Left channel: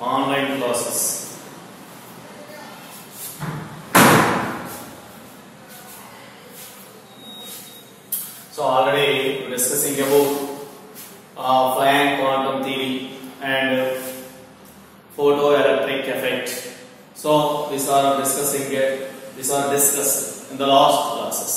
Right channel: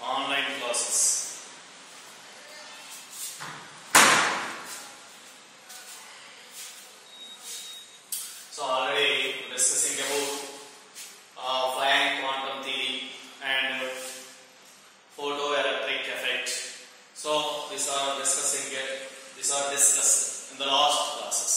online classes. So already discussing about Planck quantum theory and photoelectric effect. So these are discussed in the last classes.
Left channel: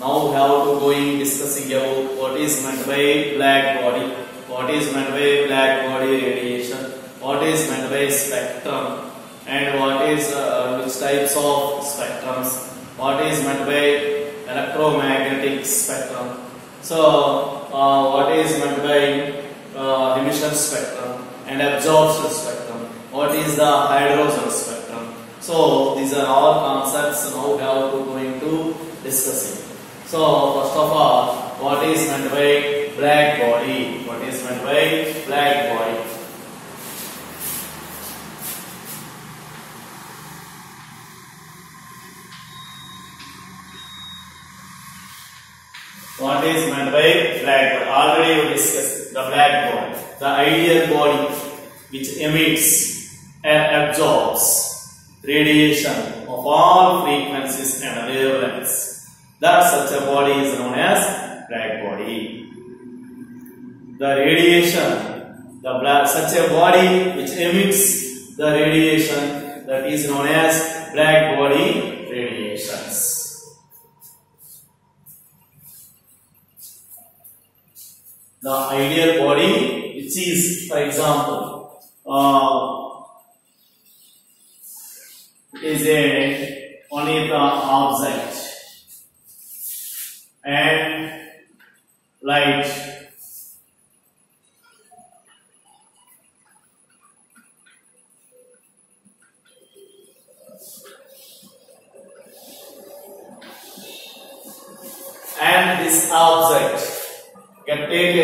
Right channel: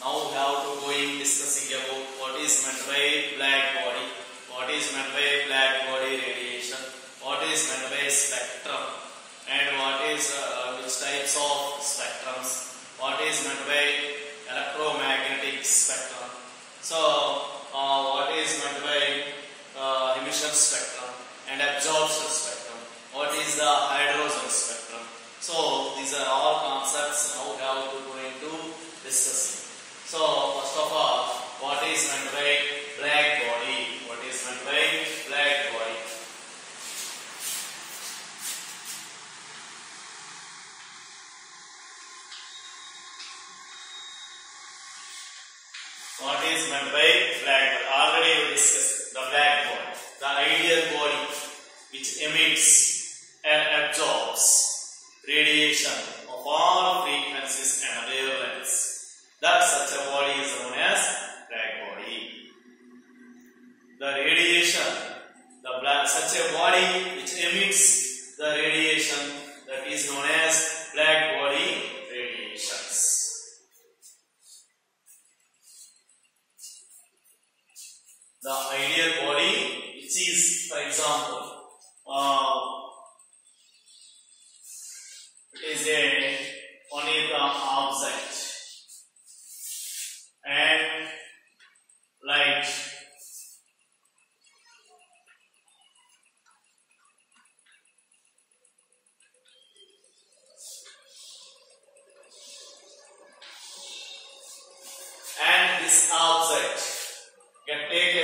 Now we have to going discussing about what is meant by black body, what is meant by black body radiation, what is meant by spectrum, and what is which types of spectrums, what is meant by electromagnetic spectrum. So what is meant by emission spectrum and absorption spectrum, what is the hydrogen spectrum. So these are all concepts now we have to go into discussing. So first of all, what is meant by black body? What is meant by black body? What is meant by black body? Already we discussed the black body, the ideal body which emits and absorbs radiation of all frequencies and wavelengths. That such a body is known as black body. The radiation, such a body which emits the radiation, that is known as black body radiations. The ideal body, which is, for example, is only the object and light. And this object can take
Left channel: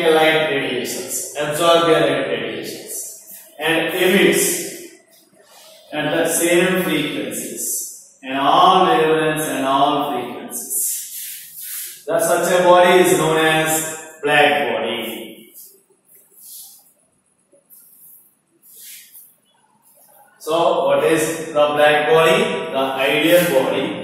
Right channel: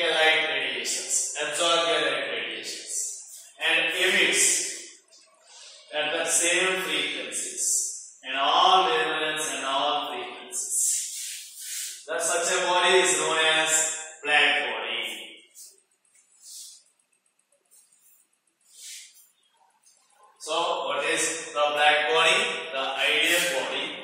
a light radiations, absorb the light radiations, and emits at the same frequencies and all wavelengths and all frequencies. That such a body is known as black body. So what is the black body? The ideal body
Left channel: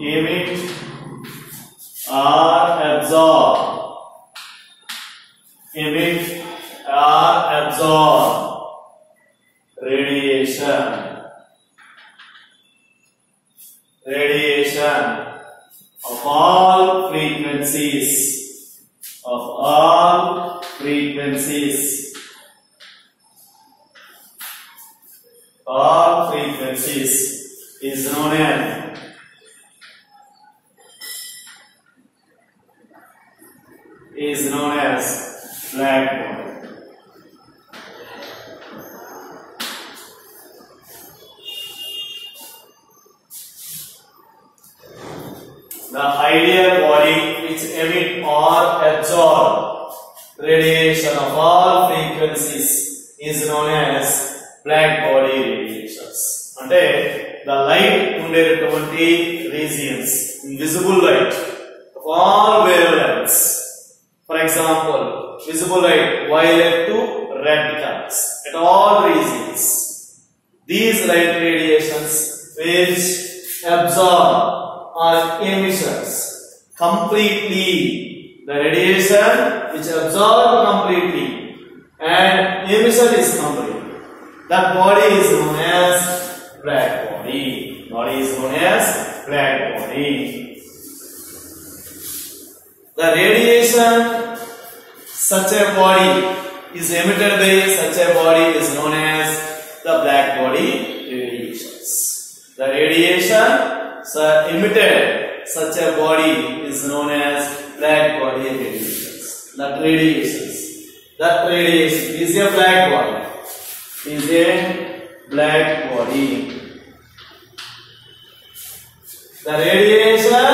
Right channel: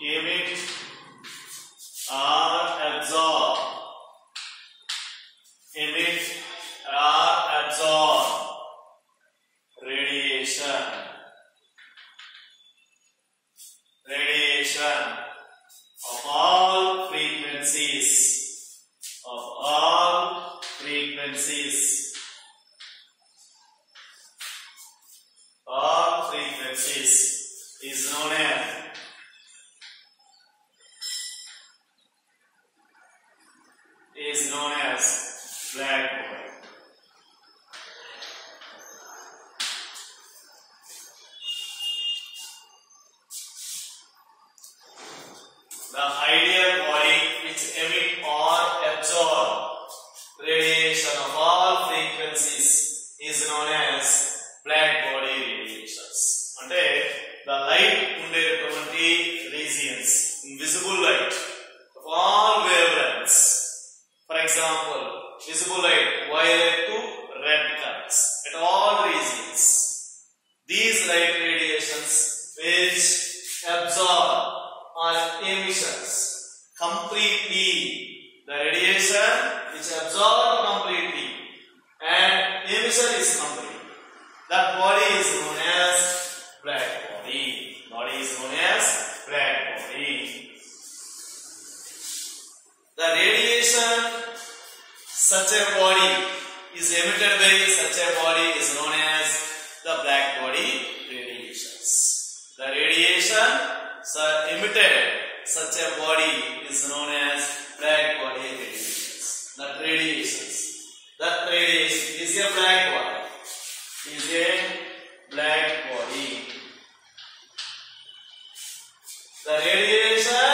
emit or absorb radiation of all frequencies is known as black body. The ideal body which emit or absorb radiation of all frequencies is known as black body radiations. Ante the light ఉండేటువంటి regions, invisible light of all wavelengths. For example, visible light violet to red colors at all regions. These light radiations which absorb or emissions completely, the radiation which absorb completely and emission is complete. That body is known as black body. Body is known as black body. The radiation such a body is emitted by such a body is known as the black body radiations. The radiation emitted such a body is known as black body radiations. That radiation is a black body. Is a black body. The radiation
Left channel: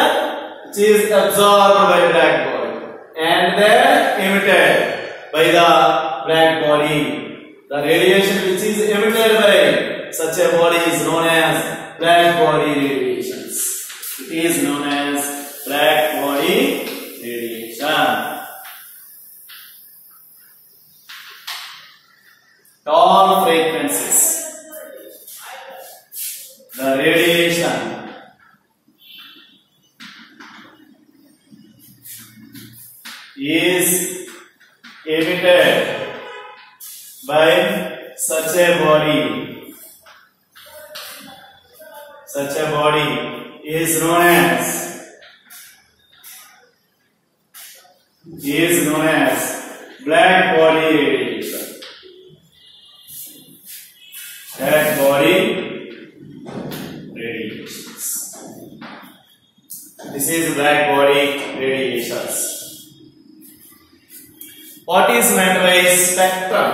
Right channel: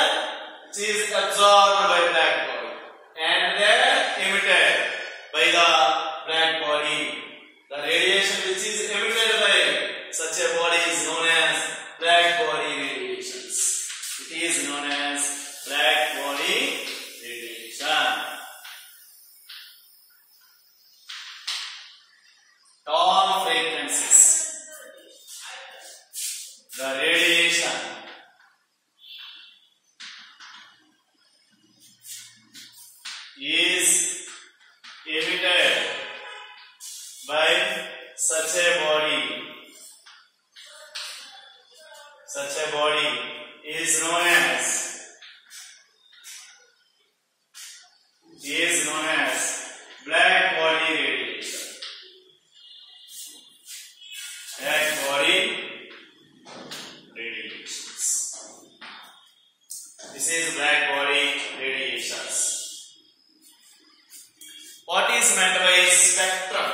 which is absorbed by black body and then emitted by the black body. The radiation which is emitted by such a body is known as black body radiation. radiation is emitted by such a body. Such a body is known as black body radiation. Black body radiations. This is black body radiations. What is meant by spectrum?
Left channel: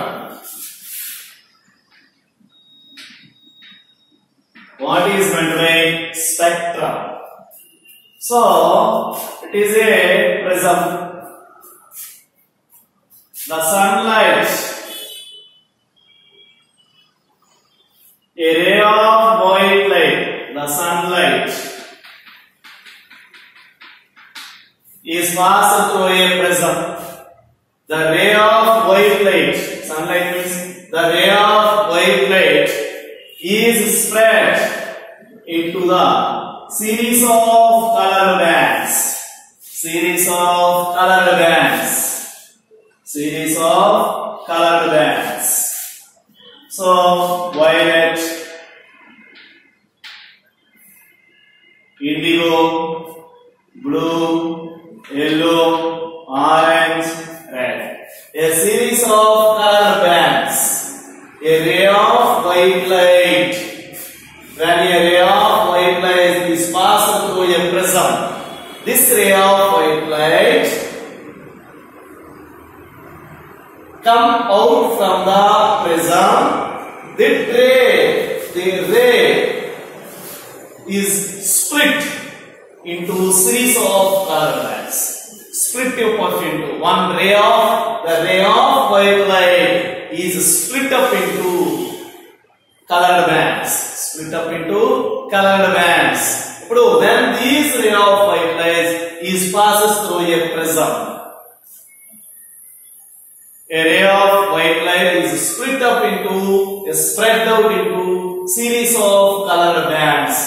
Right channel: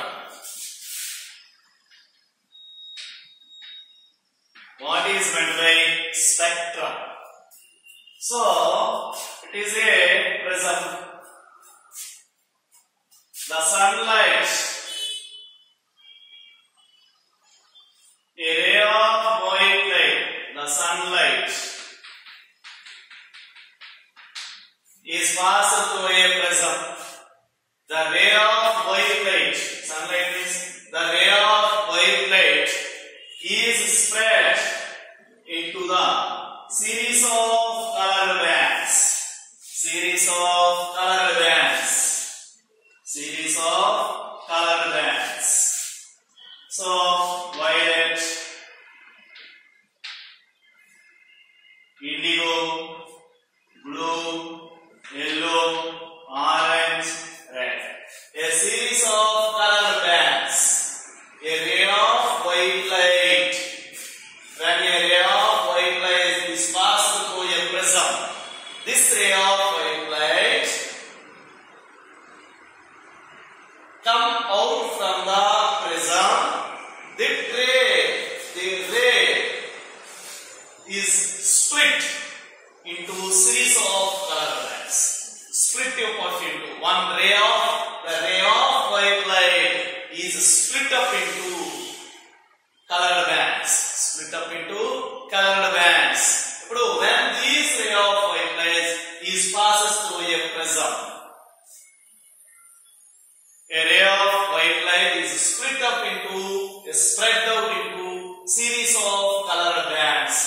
What is meant by spectrum? So, it is a prism. The sunlight, a ray of white light, the sunlight is passed through a prism. The ray of white light, sunlight means the ray of white light is spread into the series of color bands. Series of color bands. Series of color bands. So, violet, indigo, blue, yellow, orange, red. A series of color bands. A ray of white light. When a ray of white light is passed through a prism, this ray of white light come out from the prism. The ray is split into series of color bands. Split apart into one ray of the ray of white light is split up into colored bands. Split up into colored bands. When this ray of white light is passes through a prism, a ray of white light is split up into, spread out into series of colored bands.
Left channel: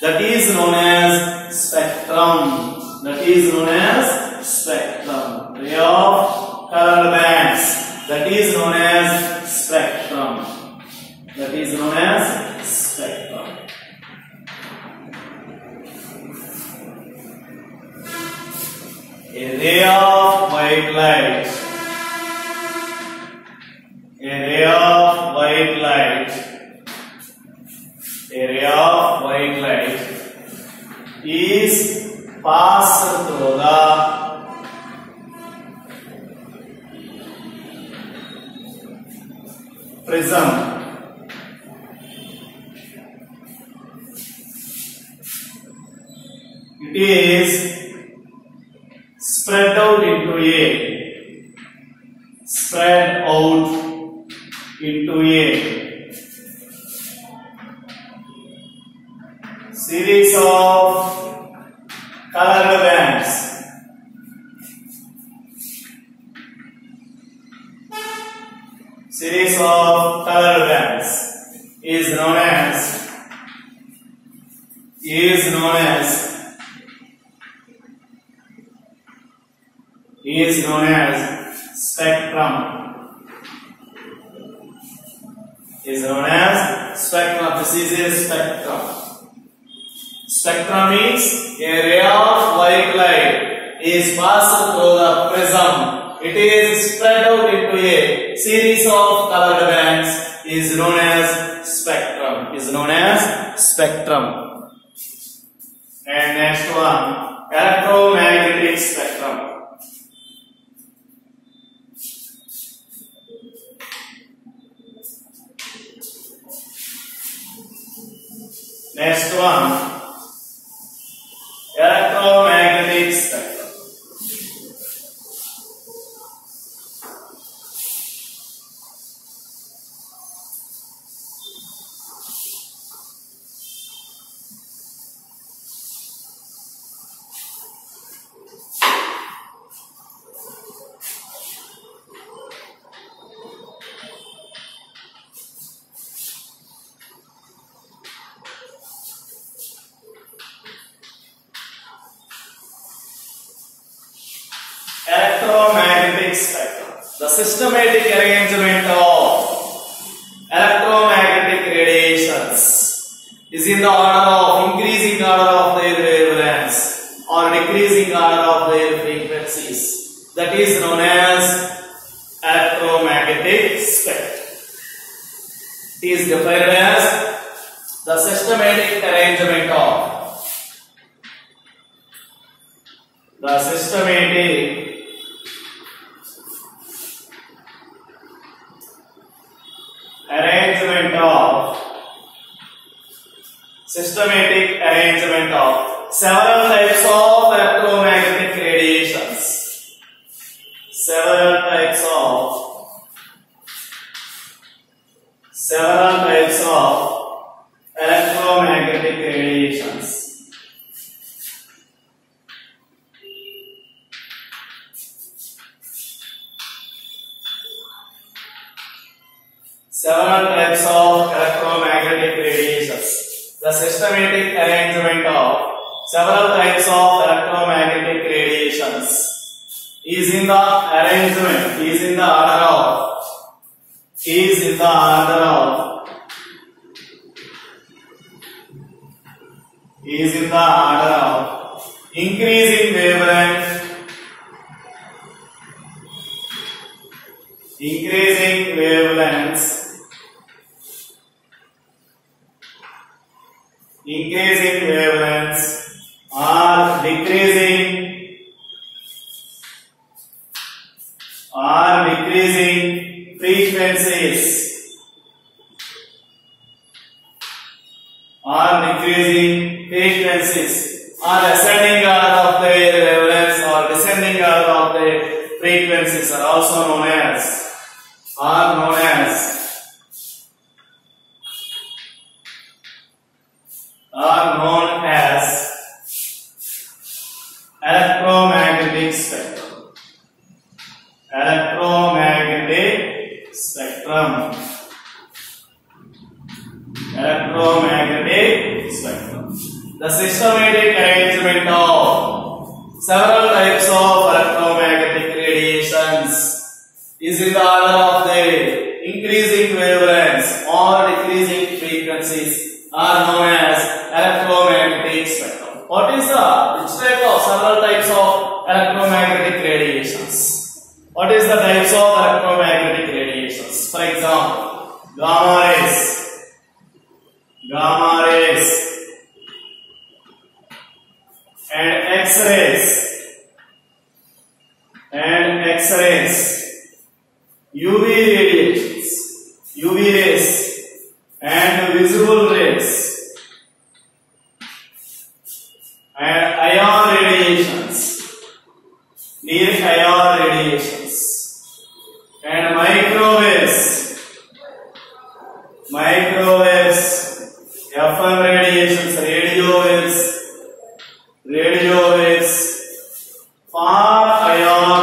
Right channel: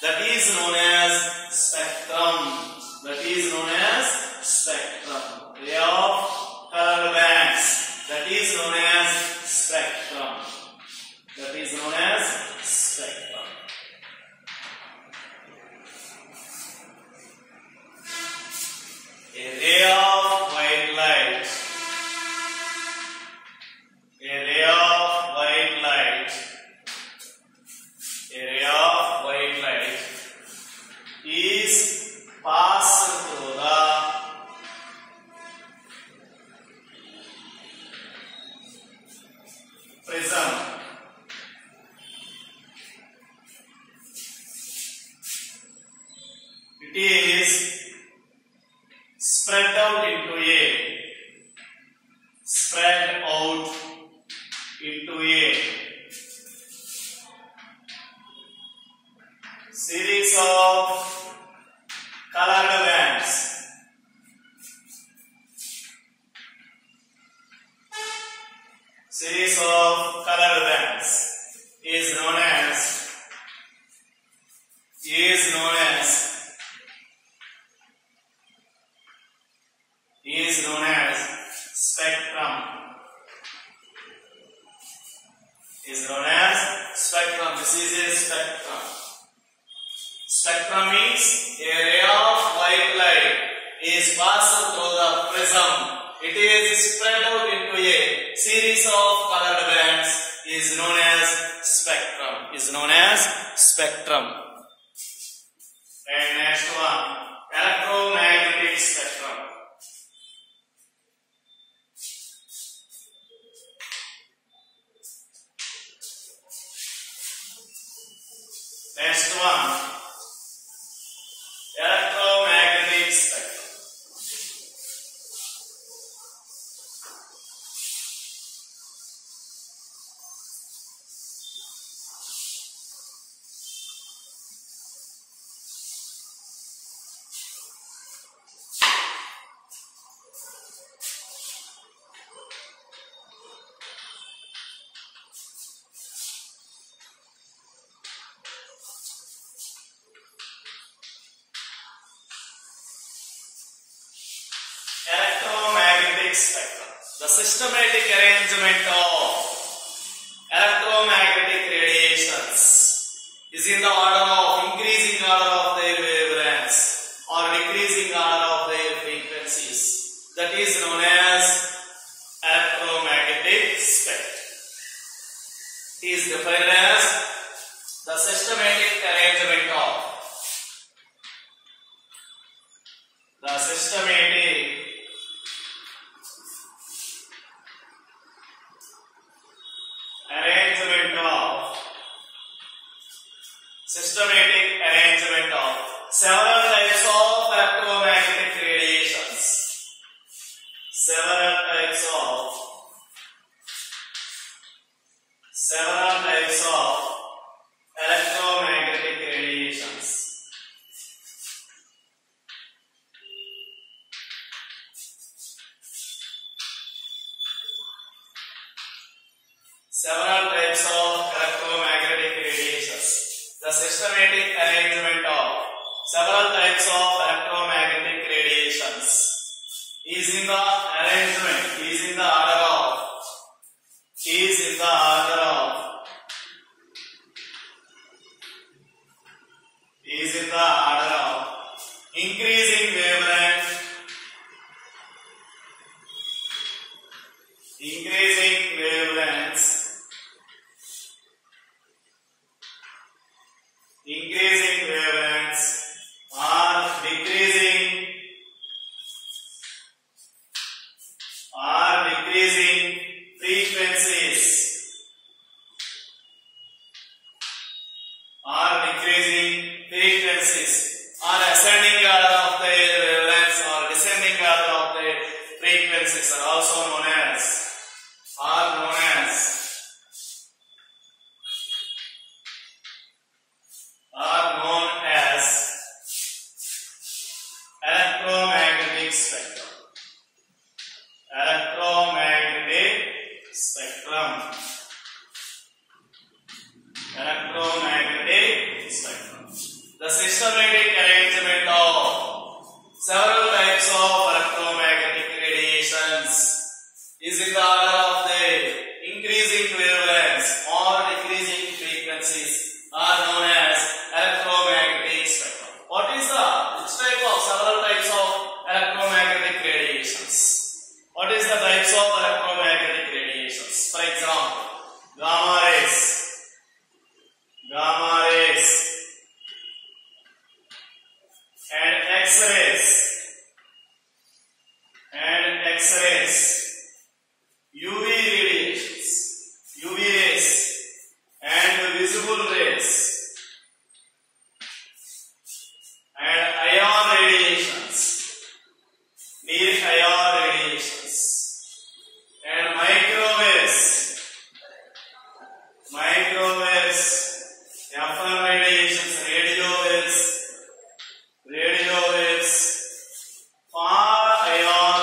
That is known as spectrum. That is known as spectrum. Ray of colored bands. That is known as spectrum. That is known as spectrum. A ray of white light. A ray of white light. A ray of white light is passed through the prism. It is spread out into a series of colored bands. Series of colored bands is known as spectrum. Is known as spectrum. This is a spectrum. Spectrum means a ray of white light is passed through the prism. It is spread out into a series of colored bands. Is known as spectrum. Is known as spectrum. And next one, electromagnetic spectrum. Next one, electromagnetic spectrum. electromagnetic spectrum. The systematic arrangement of electromagnetic radiations is in the order of increasing order of their wavelengths or decreasing order of their frequencies. That is known as electromagnetic spectrum. It is defined as the systematic arrangement of systematic arrangement of several types of electromagnetic radiations. Several types of electromagnetic radiations. Several types of electromagnetic radiations. The systematic arrangement of several types of electromagnetic radiations is in the arrangement, is in the order of increasing wavelength, increasing wavelengths or decreasing frequencies, or ascending order of the wavelengths or descending order of the frequencies are also known as electromagnetic spectrum. Electromagnetic spectrum. The systematic arrangement of several types of electromagnetic radiations is in the order of the increasing wavelengths or decreasing frequencies are known as electromagnetic spectrum. Which type of several types of electromagnetic radiations? What is the types of electromagnetic radiations? For example, gamma rays, and X-rays, UV rays, and visible rays, and ion radiations, near ion radiations, and microwaves, FM radiations, radio waves, far ion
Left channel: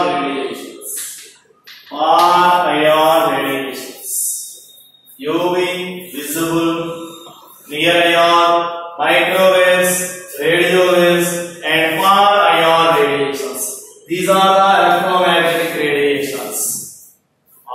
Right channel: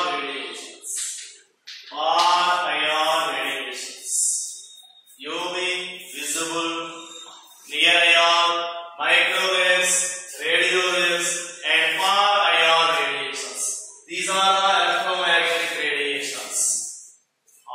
radiations, UV, visible, near ion, microwaves, radio waves, and far ion radiations. These are the electromagnetic radiations.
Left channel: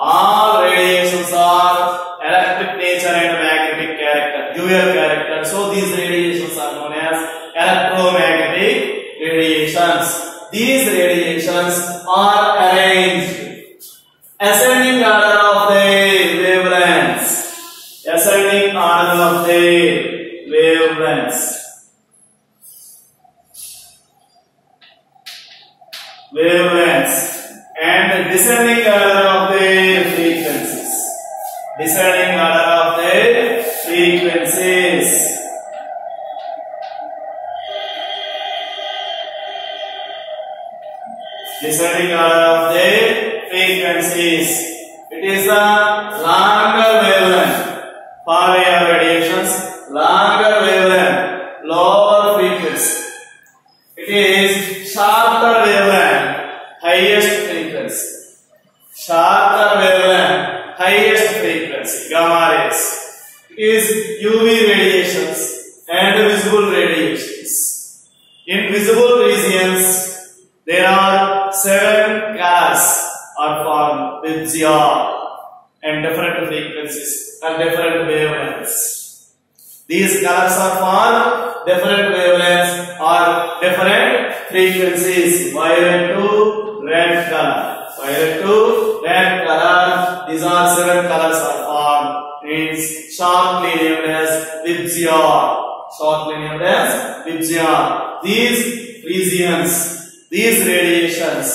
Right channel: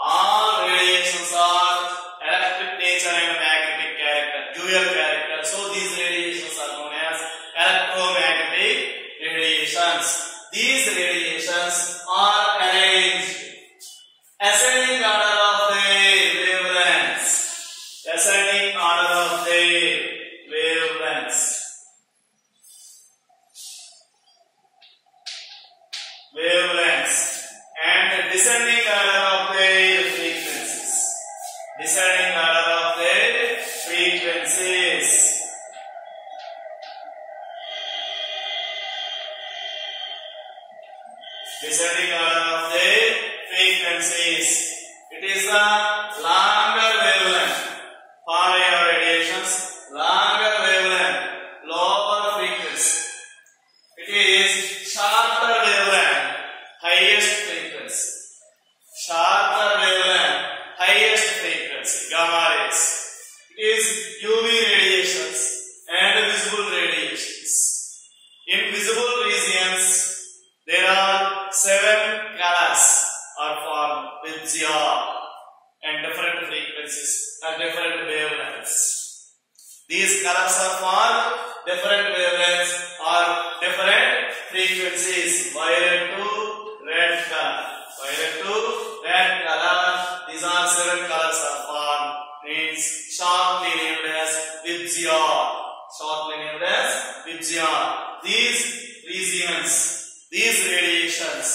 All radiations are electric nature and magnetic character, dual character. So these radiations are known as electromagnetic radiations. These radiations are arranged ascending order of the wavelengths. And descending order of the frequencies. Descending order of the frequencies. It is the longer wavelength. For your radiations, longer wavelength, lower frequency. It is shorter wavelength, highest frequency. Gamma rays. It is UV radiations and visible radiations. In visible regions, there are 7 colors or colors are for different wavelengths or different frequencies. Violet to red color. Violet to red color. These are 7 colors are for. Means shortly named as Vidyar. Shortly named as Vidyar. These regions, these radiations,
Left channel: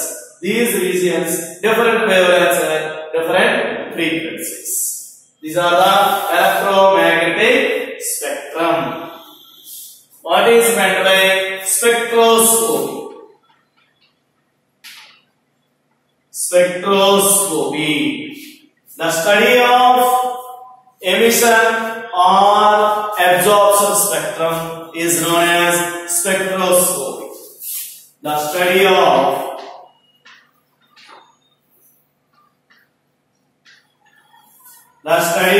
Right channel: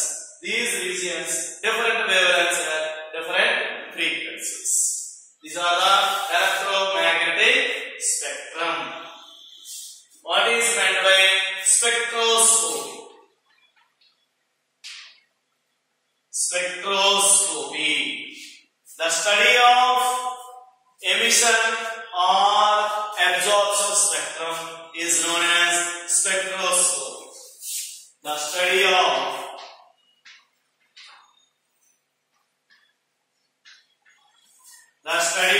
these regions, different wavelengths and different frequencies. These are the electromagnetic spectrum. What is meant by spectroscopy? Spectroscopy, the study of emission or absorption spectrum, is known as spectroscopy. The study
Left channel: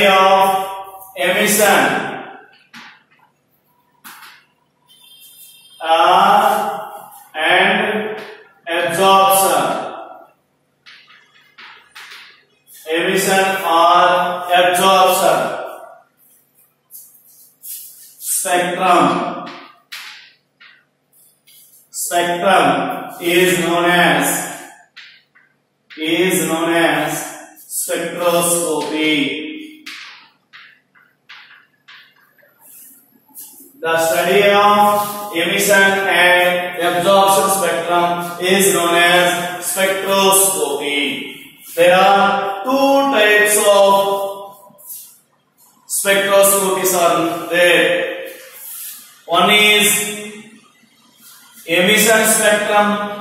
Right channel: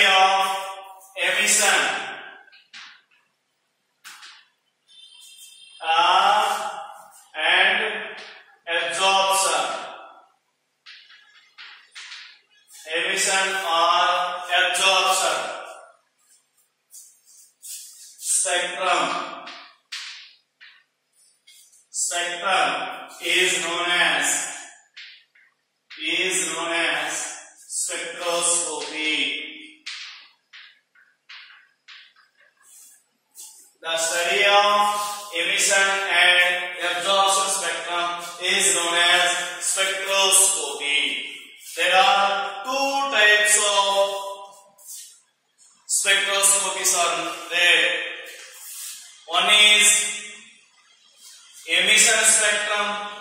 of emission and absorption. Emission or absorption spectrum. Spectrum is known as spectroscopy. The study of emission and absorption spectrum is known as spectroscopy. There are 2 types of spectroscopies are there. One is emission spectrum.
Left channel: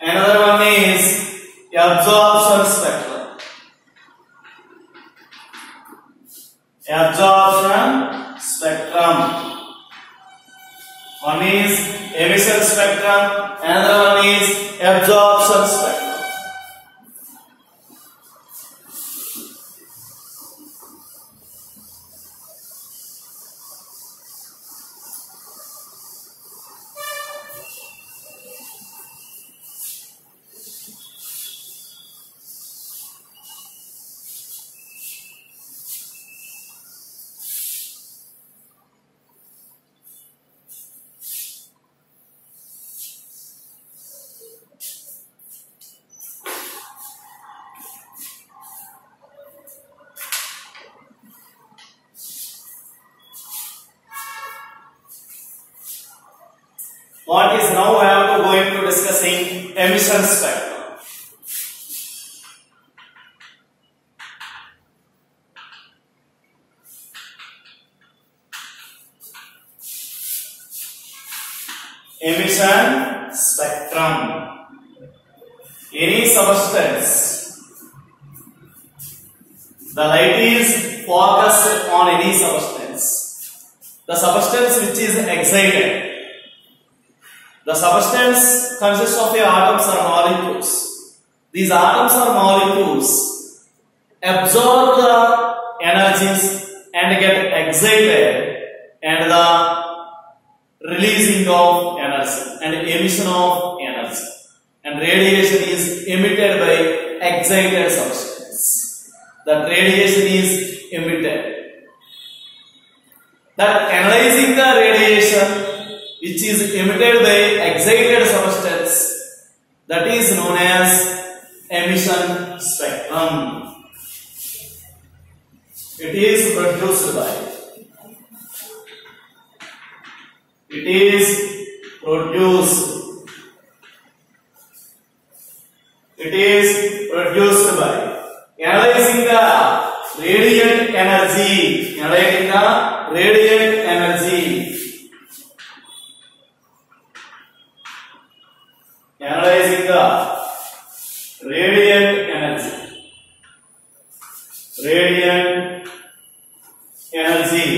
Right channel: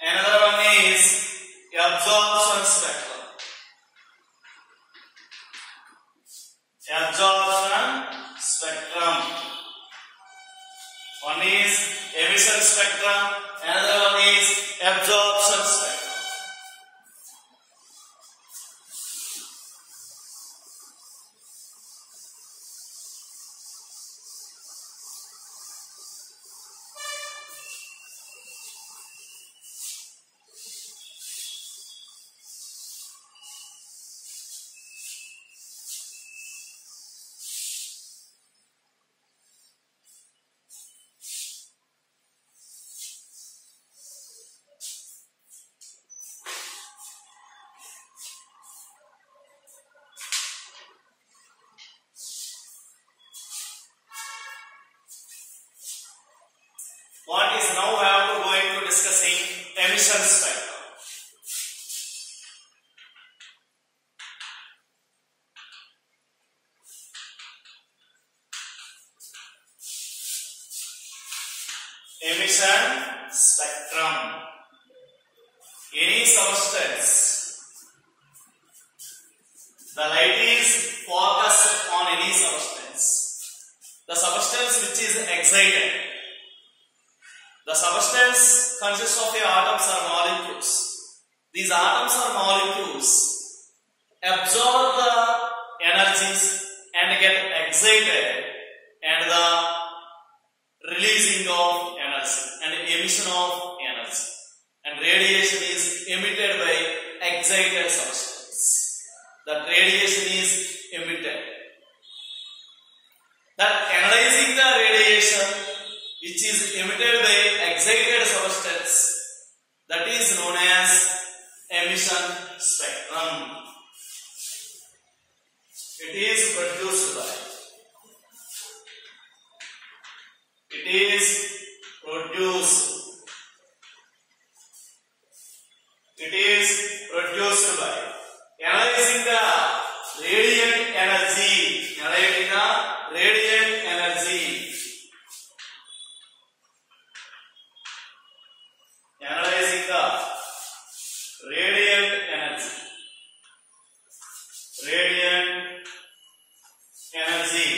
Another one is absorption spectrum. One is emission spectrum, another one is absorption spectrum. What is now I am going to discussing emission spectrum. Emission spectrum. Any substance, the light is focused on any substance. The substance which is excited. The substance consists of atoms or molecules. These atoms or molecules absorb the energies and get excited, and the releasing of energy and emission of energy, and radiation is emitted by excited substance. That radiation is emitted. That analyzing the radiation which is emitted by excited substance, that is known as emission spectrum. It is produced by analyzing the radiant energy,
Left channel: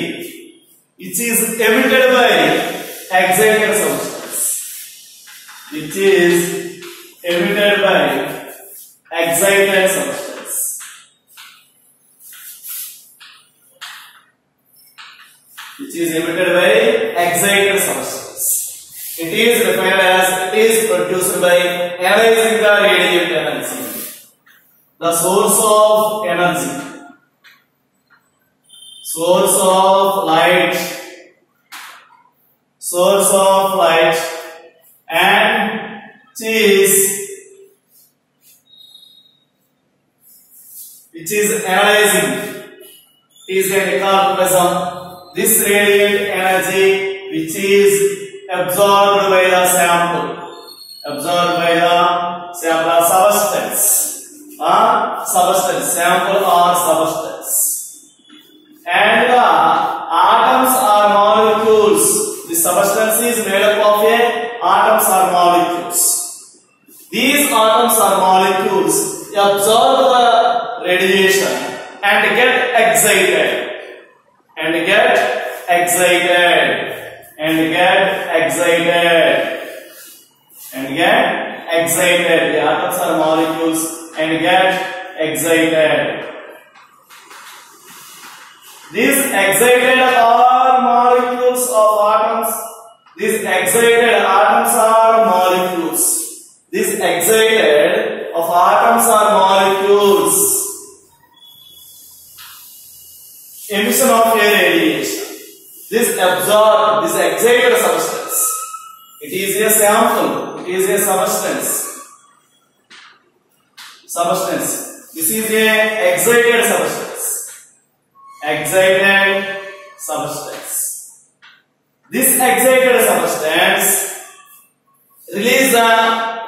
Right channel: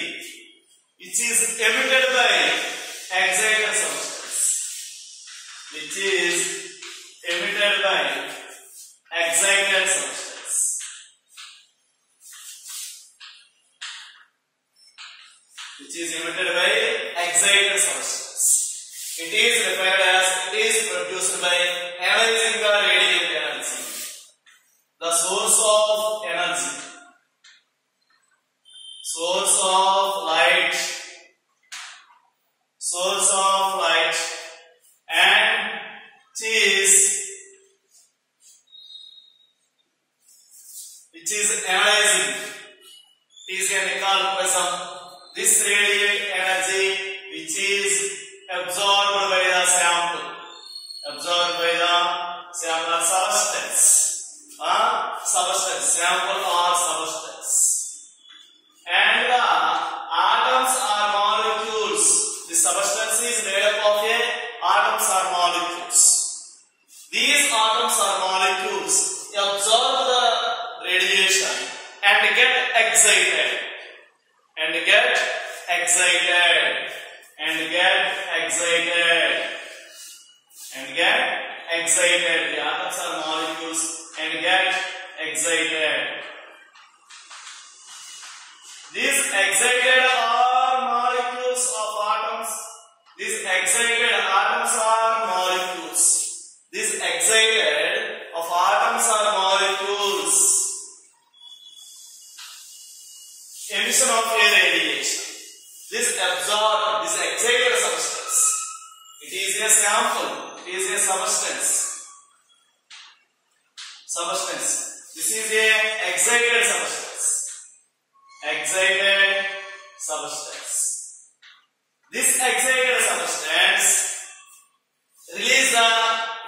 which is emitted by excited substance, which is emitted by excited substance. Which is emitted by excited substance. It is referred as, it is produced by analyzing the source of energy, source of light, and which is analyzing, is a Nicol prism. This radiant energy which is absorbed by the sample, substance, sample or substance, and the atoms are molecules. The substance is made up of atoms or molecules. These atoms or molecules absorb the radiation and get excited, The atoms are molecules and get excited. These excited are molecules of atoms. These excited atoms are molecules. These excited of atoms are molecules. Emission of a radiation. This excited substance. It is a sample. It is a substance. This is a excited substance. This excited substance release the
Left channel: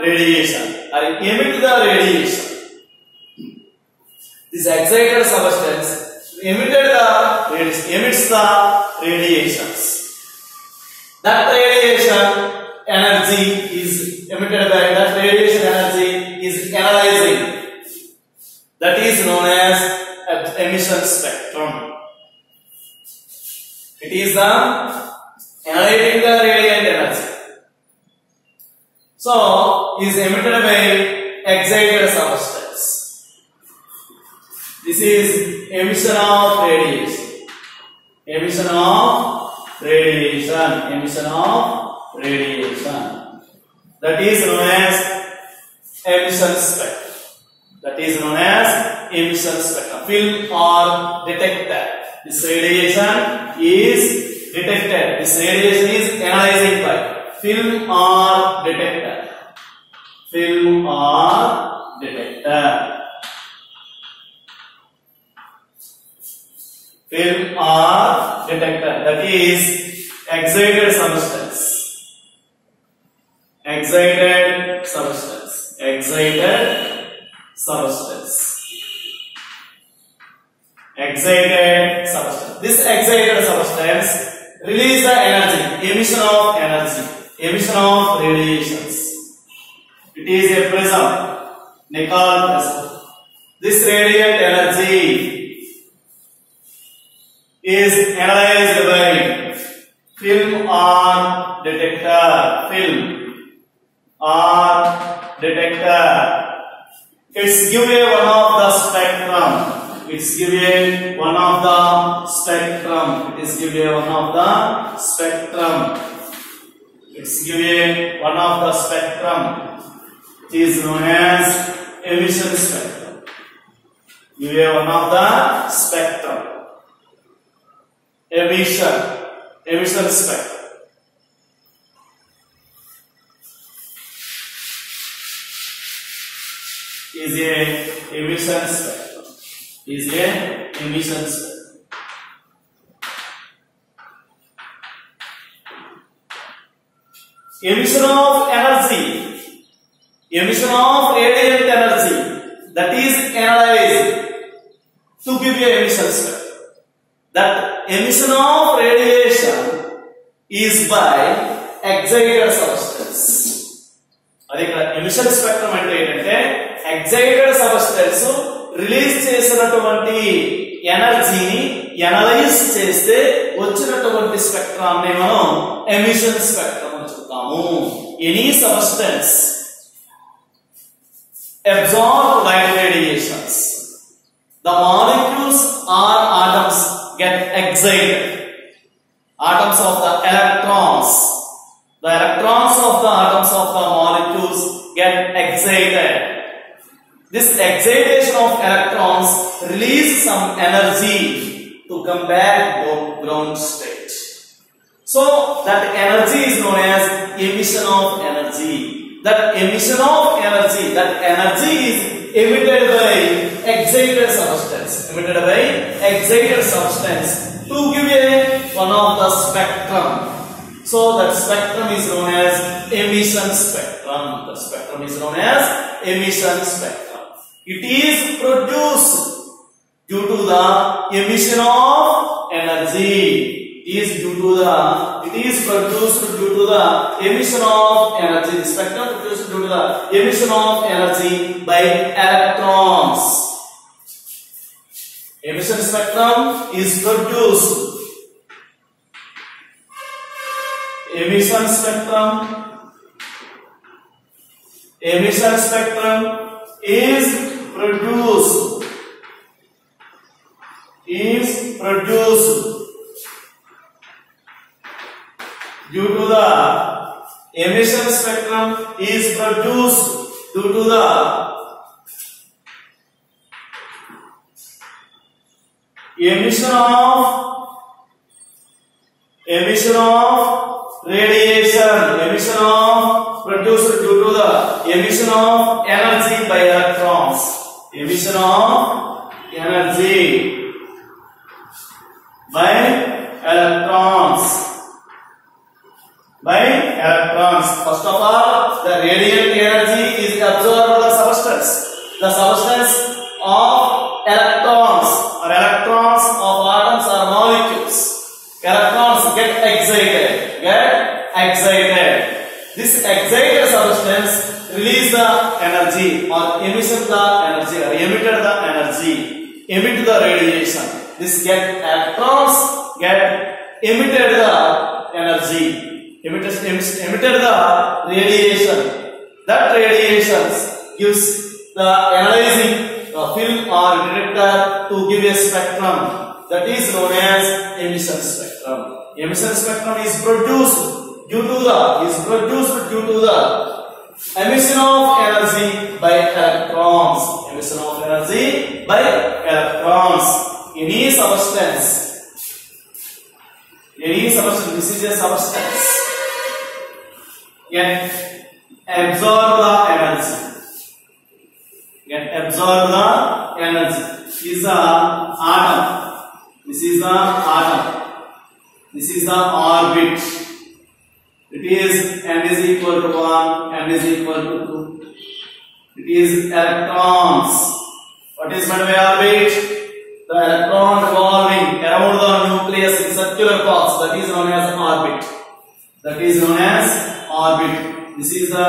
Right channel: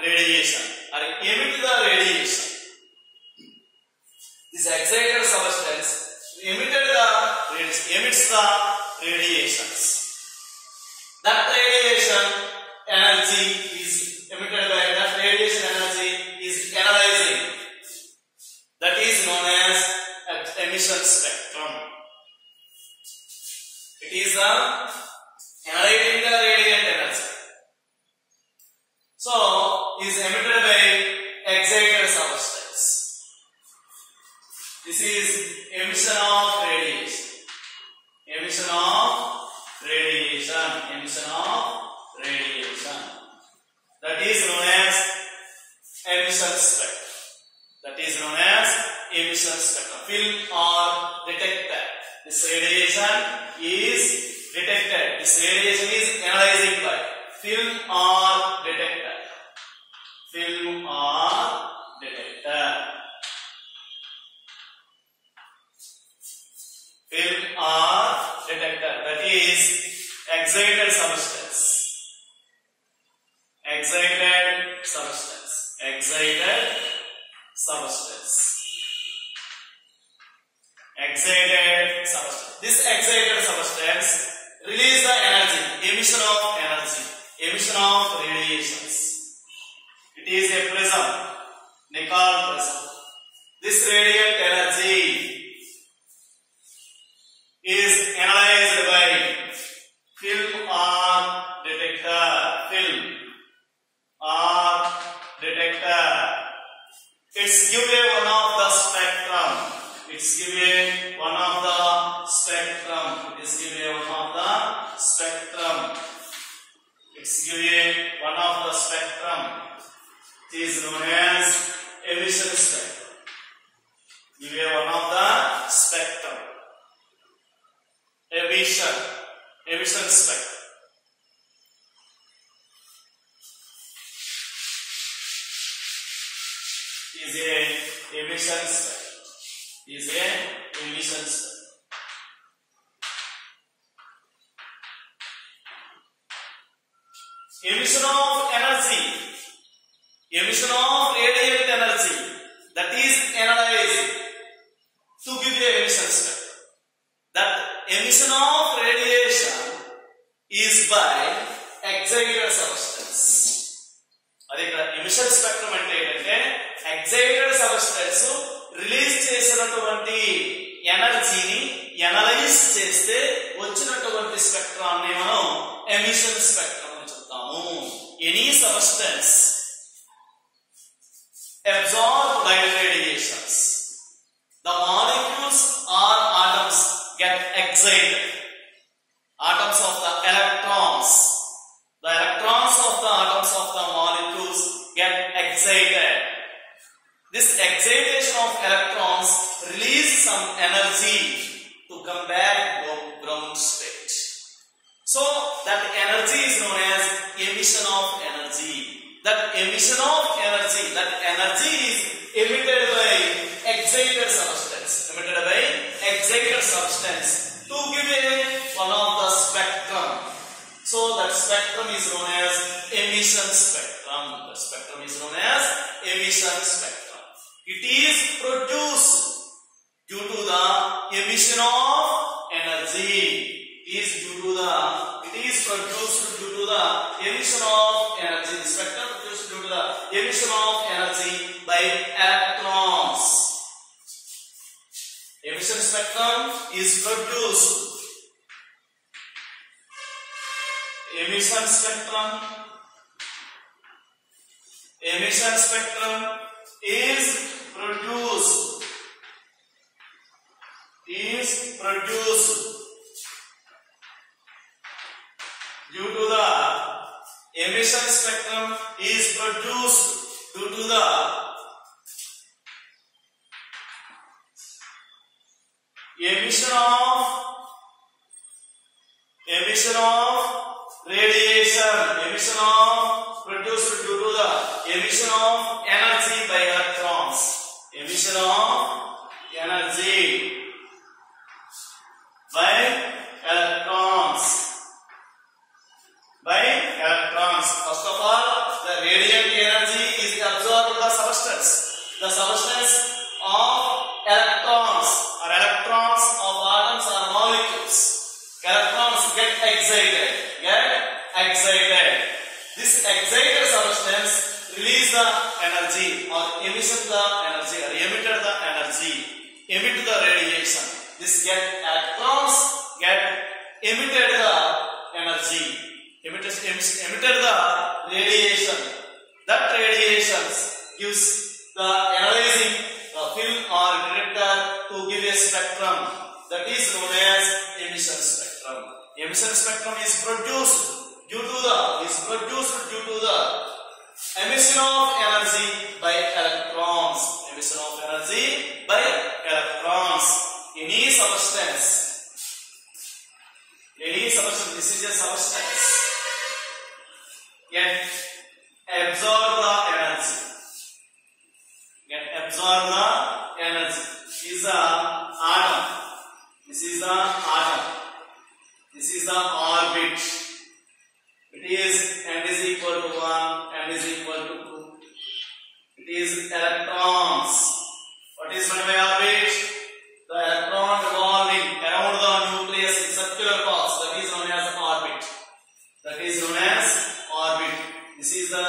radiation or emit the radiation. This excited substance emits the radiations. That radiation energy is emitted by that radiation energy is analyzing. That is known as emission spectrum. It is the analyzing the radiant energy. So, is emitted by excited substance. This is emission of radiation. That is known as emission spectrum. Film or detector. This radiation is detected. This radiation is analyzed by film or detector. That is excited substance. This excited substance release the energy, emission of radiations. It is a prism, Nicol prism. This radiant energy is analyzed by film or detector. It's given one of the spectrum. It is given one of the spectrum. It is known as emission spectrum. Emission spectrum. Is a emission spectrum. Emission of energy, emission of radiant energy, that is analyzed to give you emission spectrum. That emission of radiation is by excited substance. అదే ఇక్కడ emission spectrum అంటే ఏంటంటే excited substance release చేసినటువంటి ఎనర్జీని analyse చేస్తే వచ్చినటువంటి స్పెక్ట్రాన్ని మనం emission spectrum అని చెప్తాము. Any substance absorb light radiations. The molecules or atoms get excited. Atoms of the electrons. The electrons of the atoms of the molecules get excited. This excitation radiation of electrons release some energy to come back to ground state. So that energy is known as emission of energy. That emission of energy, that energy is emitted by excited substance. Emitted by excited substance to give a one of the spectrum. So that spectrum is known as emission spectrum. The spectrum is known as emission spectrum. It is produced due to the emission of energy. It is produced due to the emission of energy. The spectrum is produced due to the emission of energy by electrons. Emission spectrum is produced. Emission spectrum is produced due to the emission spectrum is produced due to the emission of radiation, produced due to the emission of energy by electrons. Emission of energy by electrons. First of all, the radiant energy is absorbed by the substance. The substance of electrons or electrons of atoms or molecules. Electrons get excited. This excited substance release the energy or emission the energy or emitted the energy, emit the radiation. This electrons get emitted the energy, emitted the radiation. That radiation gives the analyzing film or detector to give a spectrum that is known as emission spectrum. Emission spectrum is produced due to the emission of energy by electrons. Emission of energy by electrons. Any substance, this is a substance, can absorb the energy. This is the atom. This is the orbit. It is n is equal to 1, n is equal to 2. It is electrons. What is meant by orbit? The electron revolving around the nucleus in circular box. That is known as orbit. This is the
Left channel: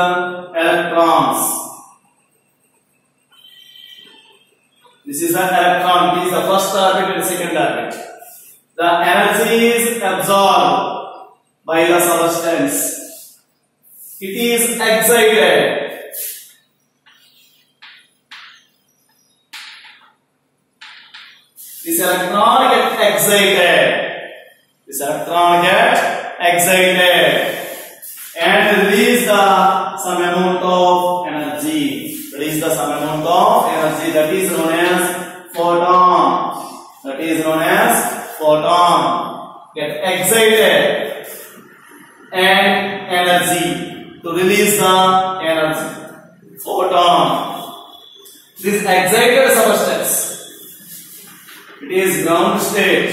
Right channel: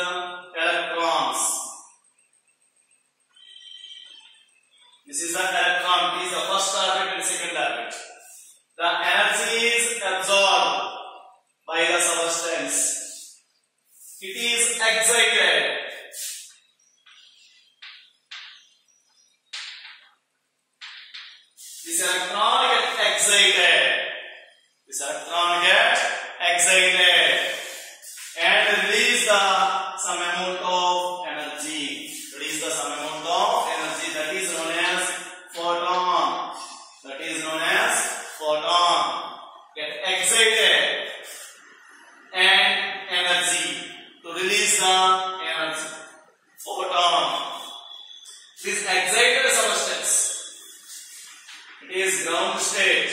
electrons. This is the electron. It is the first orbit and the second orbit. The energy is absorbed by the substance. It is excited. This electron gets excited. And release some amount of energy. That is known as photon. Get excited and energy to release the energy. Photon. This excited substance. It is ground state.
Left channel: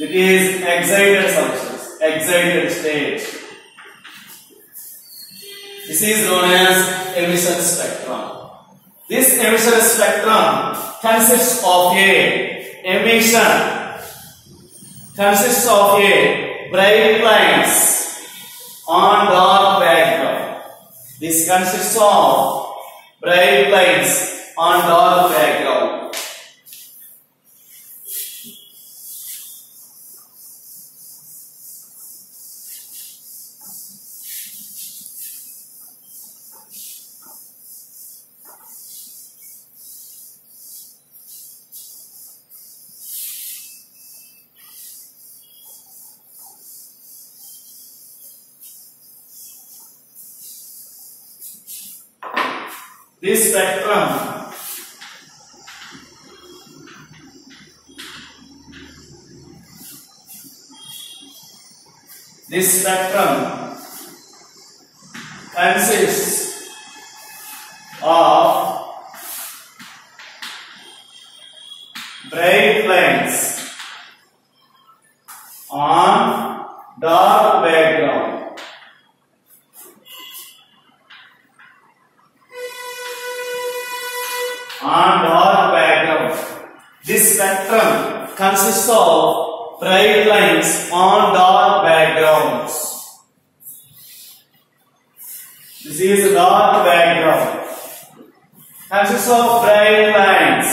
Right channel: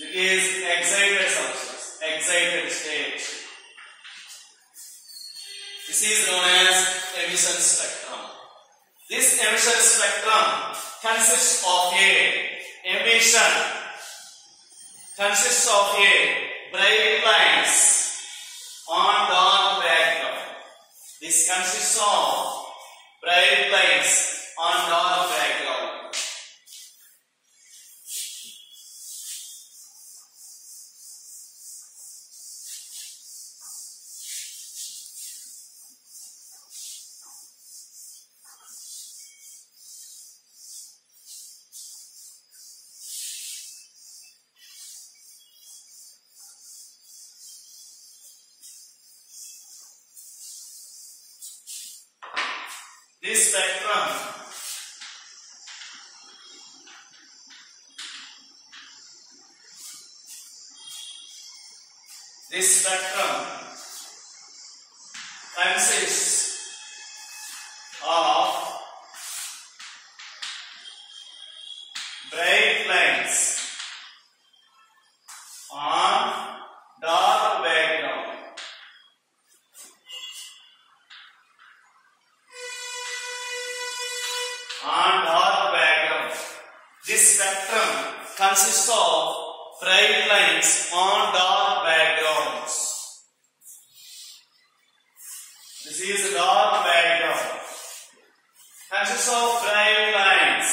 It is excited substance. Excited state. This is known as emission spectrum. This emission spectrum consists of a bright lines on dark background. This consists of bright lines on dark background. This spectrum consists of bright lines on dark background. This spectrum consists of bright lines on dark backgrounds. This is a dark background. Consists of bright lines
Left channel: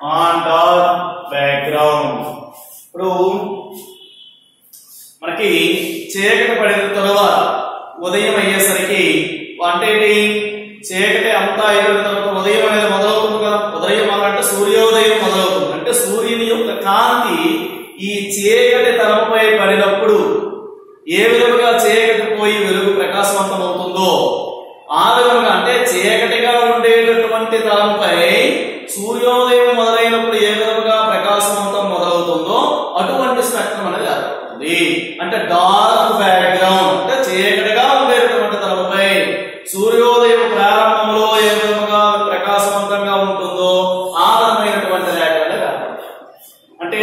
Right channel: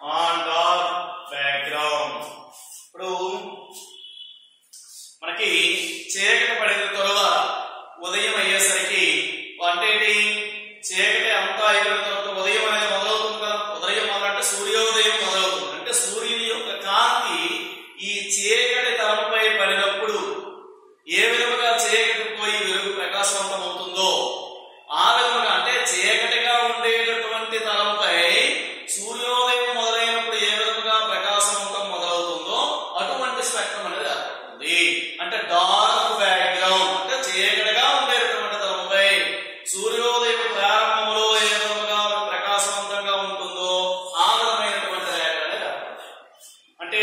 on dark background. ఇప్పుడు మనకి చీకటి పడిన తర్వాత ఉదయం అయ్యేసరికి అంటే చీకటి అంతా అయిపోయిన తర్వాత ఉదయం అనేది మొదలవుతుంది కదా. ఉదయం అంటే సూర్యోదయం మొదలవుతుంది. అంటే సూర్యుని యొక్క కాంతి ఈ చీకటి తలంపై పడినప్పుడు ఏ విధంగా చీకటి పోయి వెలుగు ప్రకాశవంతం అవుతుందో ఆ విధంగా అంటే చీకటిగా ఉండేటటువంటి తలంపై సూర్యోదయం మొదలైనప్పుడు ఏ విధంగా ప్రకాశవంతం మొదలవుతుందో అటువంటి స్పెక్ట్రం అనేది ఏర్పడుతుంది. అంటే డార్క్ బ్యాక్గ్రౌండ్ అంటే చీకటిగా ఉండేటటువంటి తలంపై సూర్యోదయం ప్రారంభంలో ఏ విధంగా ప్రకాశవంతంగా ఉంటుందో ఆ విధమైనటువంటి రేఖ అనేది ఏర్పడుతుంది. అంటే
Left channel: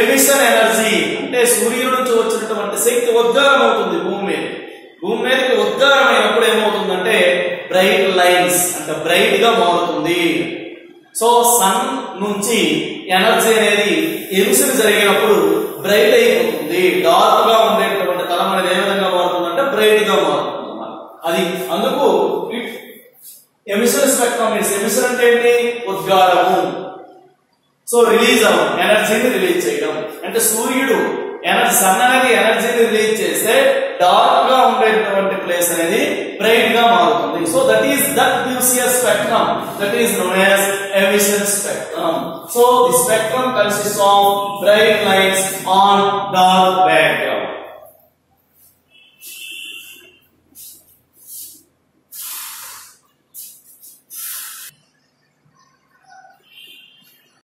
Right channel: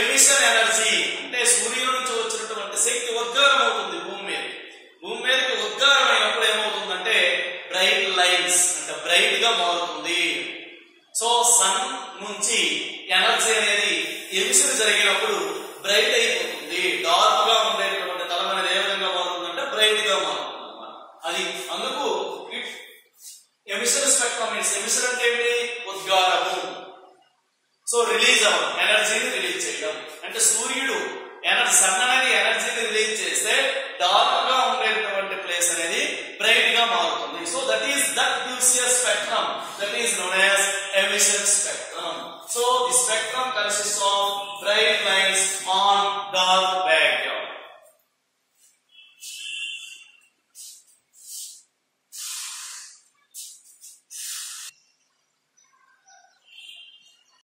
ఎమిషన్ ఎనర్జీ అంటే సూర్యుడి నుంచి వచ్చినటువంటి శక్తి ఉద్గారం అవుతుంది భూమి మీదకి ఉద్గారం అయినప్పుడు ఏమవుతుందంటే బ్రైట్ లైన్స్ అంటే బ్రైట్ గా మారుతుంది. సో సన్ నుంచి ఎనర్జీ అనేది ఎమిషన్ జరిగినప్పుడు బ్రైట్ అయిపోతుంది. డార్క్ గా ఉండేటటువంటి తలం అనేది ఏ విధంగా మారుతుందంటే బ్రైట్ గా మారుతుంది అన్నమాట. అది అందుకు ఎమిషన్ స్పెక్ట్రమ్ ఎమిషన్ అంటే ఏంటి? ఉద్గారము. సో రిలీజ్ అవ్వడం ఎనర్జీని రిలీజ్ చేయడం అంటే సూర్యుడు సన్ అనేది ఎనర్జీని రిలీజ్ చేస్తే డార్క్ గా ఉండేటటువంటి ప్లేస్ అనేది బ్రైట్ గా మారుతుంది. So that gives you a spectrum that is known as emission spectrum. So the spectrum consists of bright lines on dark background.